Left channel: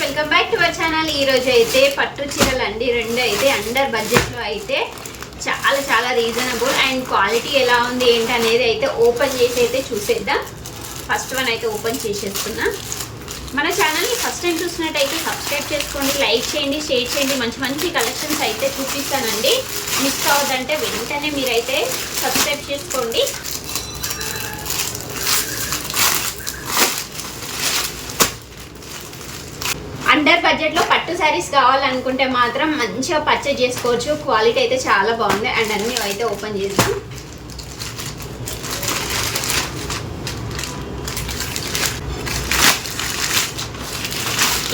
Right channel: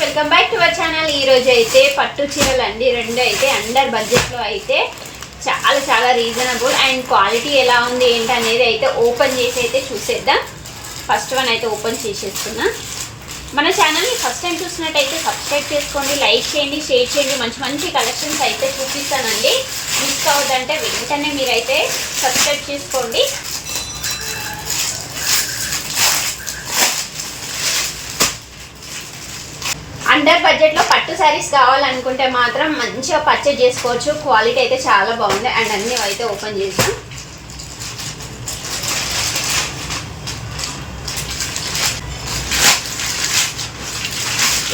Welcome back to our channel. ఈ రోజు అయితే పట్టు చీరలు అండి, రెండు అయితే అండర్ బడ్జెట్లో అయితే చాలా రీజనబుల్ అండ్ క్వాలిటీ ఎలా ఉంది ఏంటి అనేది అయితే ఓపెన్ చేసి అయితే చూసేద్దాం. ఫస్ట్ వన్ అయితే ఓపెన్ చేసేస్తున్నా. మన ఛానల్ని ఫస్ట్ టైం చూసినట్టయితే సబ్స్క్రైబ్ చేసుకోండి, లైక్ చేయండి, షేర్ చేయండి. మంచి కలెక్షన్స్ అయితే చూపిస్తానండి. మిస్ అవ్వద్దంటే వెంటనే మీరైతే సబ్స్క్రైబ్ చేసుకోండి. అండర్ బడ్జెట్లో పట్టు శారీస్ కావాలనుకుంటే మాత్రం మంచిగా పర్చేజ్ చేసుకోవచ్చు. క్వాలిటీ అయితే చాలా బాగుంది. అండ్ అన్నీ అయితే ఓపెన్ చేద్దాం.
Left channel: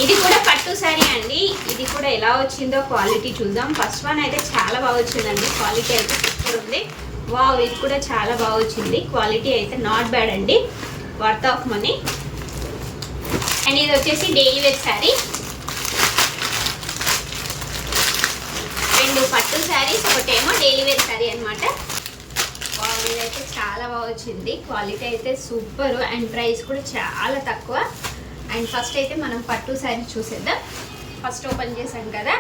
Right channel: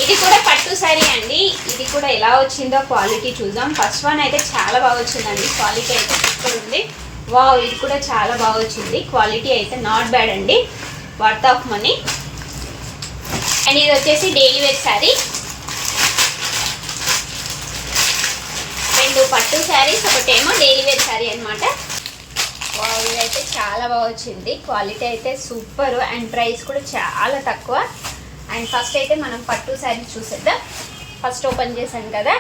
ఇది కూడా పట్టు శారీ అండి. ఇది కూడా ఎలా వచ్చిందో క్వాలిటీ చూద్దాం. ఫస్ట్ వన్ అయితే చాలా బాగా వచ్చిందండి. క్వాలిటీ అయితే సూపర్ ఉంది. వావ్, ఇది కూడా చాలా బాగా వచ్చింది. క్వాలిటీ అయితే నాట్ బ్యాడ్ అండి, వర్త్ ఆఫ్ మనీ. అండ్ ఇది వచ్చేసి డైలీ వేర్ శారీ. రెండు పట్టు శారీస్, ఒకటేమో డైలీ వేర్ శారీ అనమాట. ఇదైతే చాలా బాగా వచ్చింది. క్వాలిటీ అయితే సూపర్ అండ్ ప్రైస్ కూడా చాలా తక్కువ. అండ్ ఫస్ట్ అయితే మనం పట్టు శారీ చూసేద్దాం. ఫస్ట్ ఓపెన్ చేశాను కదా,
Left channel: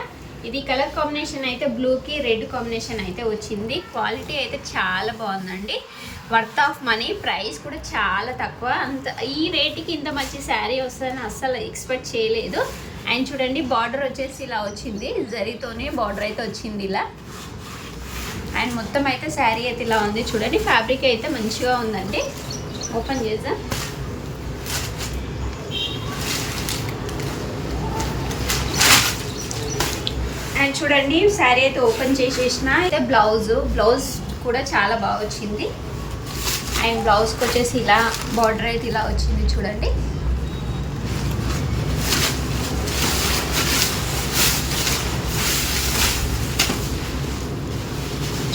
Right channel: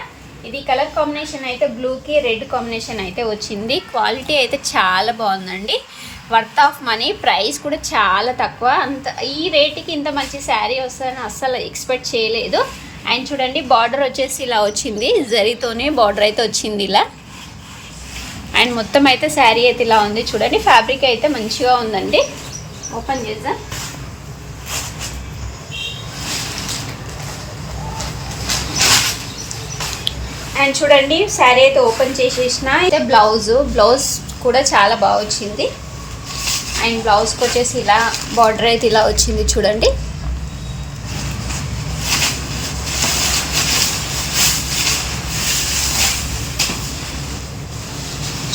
ఇది కలర్ కాంబినేషన్ అయితే బ్లూకి రెడ్ కాంబినేషన్ అయితే వచ్చింది. క్వాలిటీ అయితే చాలా బాగుందండి, వర్త్ ఆఫ్ మనీ. ప్రైస్ కూడా చాలా తక్కువ. అంత ఈ రేటుకి ఇంత మంచి శారీ వస్తుందని అస్సలు ఎక్స్పెక్ట్ చేయలేదు. అండ్ చూడండి, బార్డర్ వచ్చేసి ఇలా వచ్చింది, జరీతోనే బార్డర్ అయితే వచ్చింది ఇలా. అండ్ మొత్తం అయితే శారీ అయితే ఇలా ఉంది. చూడండి, ఫ్యాబ్రిక్ అయితే మంచిగా ఉందండి. ఓపెన్ చేద్దాం. అండ్ చూడండి, శారీ అయితే ఓపెన్ చేసేసిన. అయితే బ్లౌజ్ కూడా చాలా బాగా వచ్చింది. అండ్ బ్లౌజ్కి వచ్చేసి ఇలా బార్డర్ అయితే ఇలా వచ్చింది చూడండి.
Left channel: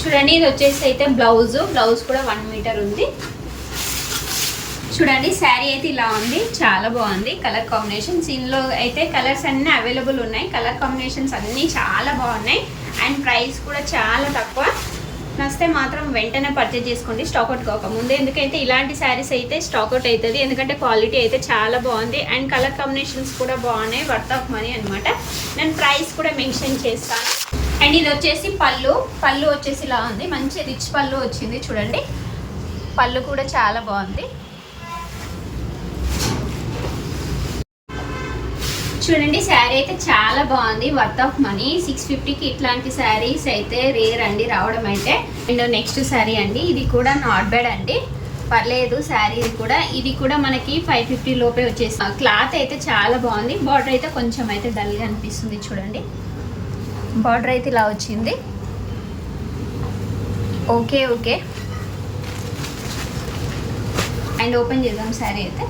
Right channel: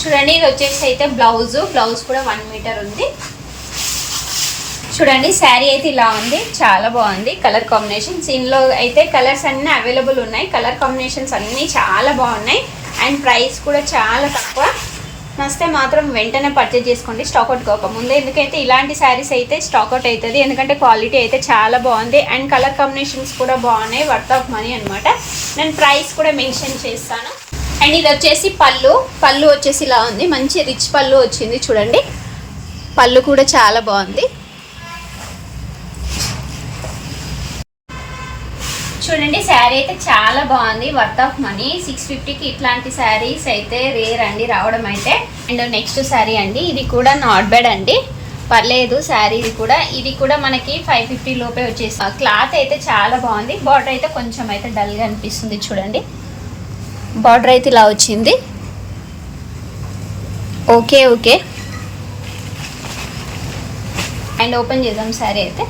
చూడండి, ఇది వచ్చేసి అయితే బ్లౌజ్ కూడా 1 మీటర్ ఉంది. చూడండి, శారీ అయితే ఇలా ఉంది, చాలా బాగుంది. కలర్ కాంబినేషన్స్ ఇందులో అయితే కలర్స్ అన్నీ అవైలబుల్ ఉన్నాయి. కలర్ కాంబినేషన్స్ అన్నీ చాలా బాగున్నాయి. అండ్ ప్రైస్ కూడా చాలా తక్కువ. నచ్చితే మాత్రం వెంటనే పర్చేజ్ చేసుకోండి, స్టాక్అవుట్ కాకముందే. ఎందుకంటే ఇలాంటి శారీస్ అయితే స్టాక్అవుట్ అవుతుంది, ఎందుకంటే క్వాలిటీ అయితే చాలా బాగుంది. అండ్ కలర్ కాంబినేషన్స్ కూడా బాగున్నాయి, వర్త్ ఆఫ్ మనీ అనమాట. నేను ప్రైస్ కూడా మెన్షన్ చేస్తాను. అండ్ ఇది వచ్చేసి పళ్ళు వచ్చేసి ఇలా ఉంది, మంచి రిచ్ పళ్ళు వచ్చింది. చూడండి, పళ్ళు కూడా చాలా బాగుంది. చూడండి, శారీ అయితే చాలా బాగుంది, వర్త్ ఆఫ్ మనీ. 650కి ఇట్లాంటి శారీస్ అయితే రేర్ అండి రావడం అయితే. అండ్ నెక్స్ట్ శారీ అండి, ఇది కూడా నాట్ బ్యాడ్ అండి, పర్లేదు శారీ. ఇది కూడా మనకి 550 లోపే వచ్చేసి. క్లాత్ అయితే చాలా బాగుంది. బార్డర్ అయితే కొంచెం అయితే డల్గా అనిపిస్తుంది. చూడండి, బార్డర్ అయితే ఇలా వచ్చింది. ఓకే అండ్ ఓపెన్ చేద్దాం. శారీ అయితే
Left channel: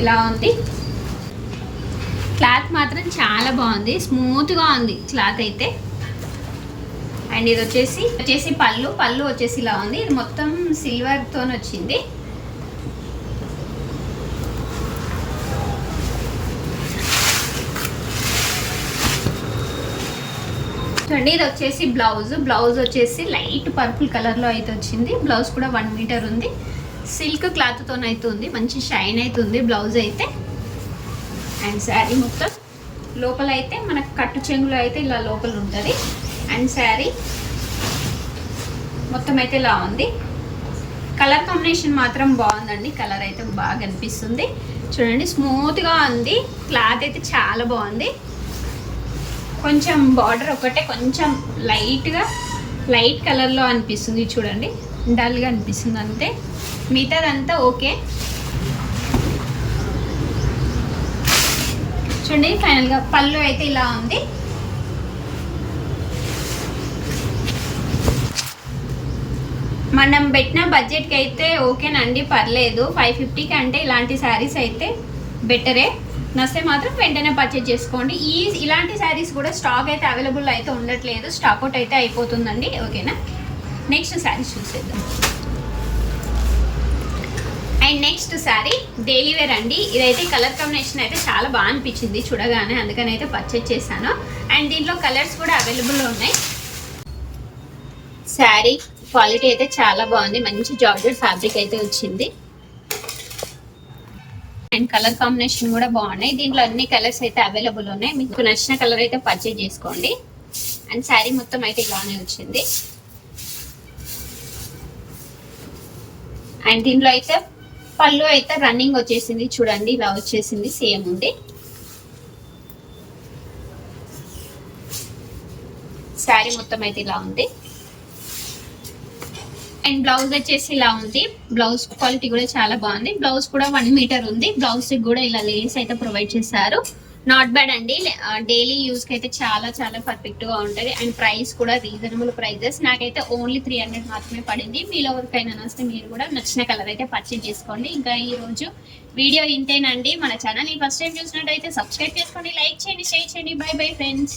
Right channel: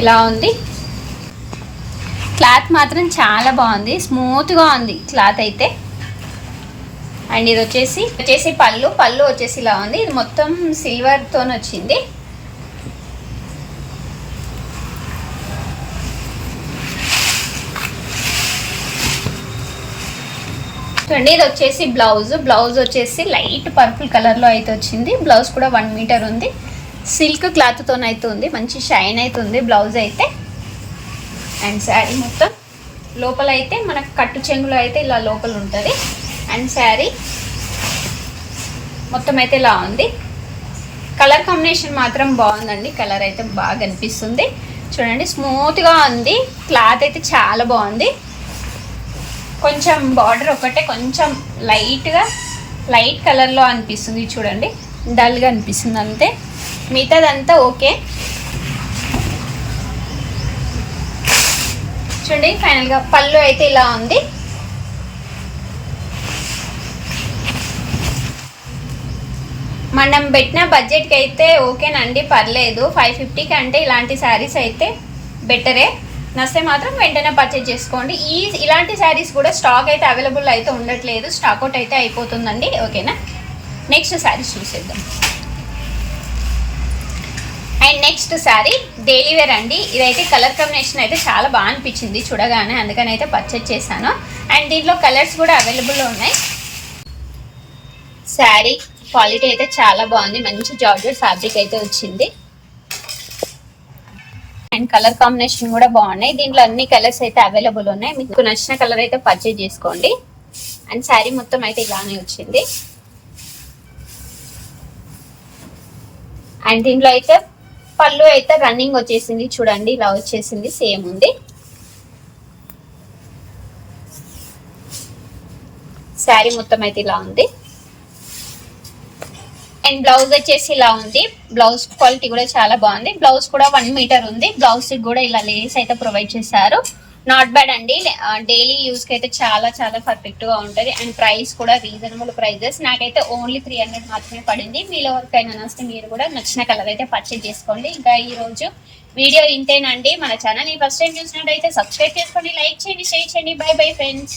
ఇలా ఉంది. క్లాత్ మాత్రం చాలా బాగుంది, స్మూత్గా ఉంది క్లాత్ అయితే. అండ్ ఇది వచ్చేసి పళ్ళు వచ్చేసి ఇలా ఉంది. ఇది మొత్తం సిల్వర్తో వచ్చింది. చూడండి, ఇది వచ్చేసి బ్లౌజ్ వచ్చేసి లైట్ పర్పుల్ కలర్లో అయితే వచ్చింది. బ్లౌజ్ కూడా 1 మీటర్ ఉంది. సిల్క్ క్లాత్తో అయితే ఉంది, మంచి షైన్ అయితే ఉంది బ్లౌజ్ అయితే. అండ్ శారీ మొత్తం లోపల అయితే మనకు కట్టు చెంగులో అయితే ఇలా లోపల ఉంటుంది. అండ్ శారీ మొత్తం అయితే ఇలా ఉంది. కలర్ కాంబినేషన్ మాత్రం బాగుందండి, కలర్ అయితే బాగా అనిపిస్తుంది. చూడండి, స్మూత్గా ఉంది. క్లాత్ అయితే చాలా బాగుంది. కొంచెం బార్డర్ ఒకటే కొంచెం లైట్ కలర్లో అనిపిస్తుంది. చూడండి, డల్గా అనిపిస్తుంది అంతే, మిగతాదంతా ఓకే. చూడండి, ఫైనల్గా పళ్ళు అయితే ఇలా ఉంది. మనం పెట్టిన బడ్జెట్కి అయితే ఓకేనండి, పర్లేదు. 550కి అంటే ఇలాంటి శారీస్ అయితే బెటరే. నచ్చితే మాత్రం వెంటనే పర్చేజ్ చేసుకోండి. ఇలాంటి శారీస్ కూడా స్టాక్ అయితే అవైలబుల్ అయితే ఉండట్లేదు, స్టాక్అవుట్ అయితే అయిపోతుందండి. ఓకేనా, నెక్స్ట్ శారీస్ చూసేద్దాం. And next sari daily wear అండి. ఇదైతే కలర్ కాంబినేషన్ అయితే చాలా బాగా అనిపించింది చూడగానే, అందుకని అయితే పర్చేజ్ చేశాను. అండ్ దీంట్లో కలర్స్ కూడా అవైలబుల్ ఉన్నాయి. శారీ క్వాలిటీ అయితే చాలా బాగుంది, మంచి జార్జెట్ ఫ్యాబ్రిక్ అయితే వచ్చింది. అండ్ కలర్ కాంబినేషన్ కూడా బాగున్నాయి. దీంట్లో అన్ని కలర్స్ అయితే అవైలబుల్ ఉన్నాయి. మీకు నచ్చిన కలర్ అయితే పర్చేజ్ చేసుకోండి. అండ్ శారీ మొత్తం అయితే ఇలానే వచ్చింది. అండ్ దీంట్లో అయితే పళ్ళు అయితే రన్నింగ్ వచ్చేసింది చూడండి, ఇలా వచ్చేసింది, సేమ్ ఉంది. శారీ మొత్తం అయితే ఇలా ఉంది. అండ్ బ్లౌజ్ వచ్చేసి ఇలా ఉంది. బ్లౌజ్ క్వాలిటీ కూడా చాలా బాగుంది. బ్లౌజ్ కూడా 1 మీటర్ ఉంది. బ్లౌజ్ కూడా ఇలా లేస్ అయితే ప్రొవైడ్ చేశారు. నాట్ బ్యాడ్ అండి. డైలీ యూస్ కి అయితే చాలా చాలా పర్ఫెక్ట్ గా ఉంటది. అండ్ ప్రైస్ కూడా రీజనబుల్ ప్రైజెస్. నాకైతే ఓన్లీ 300 మాత్రమే పడింది. మీలో ఎవరికైనా నచ్చితే మీరు కూడా నచ్చిన కలర్ అయితే పర్చేజ్ చేసుకోండి. ఇంకా ఈ రోజు వీడియో ఇంతేనండి. మన ఛానల్ ఫస్ట్ టైం చూసినట్టయితే సబ్స్క్రైబ్ చేసుకోండి, లైక్ చేయండి, షేర్ చేయండి. By bye friends.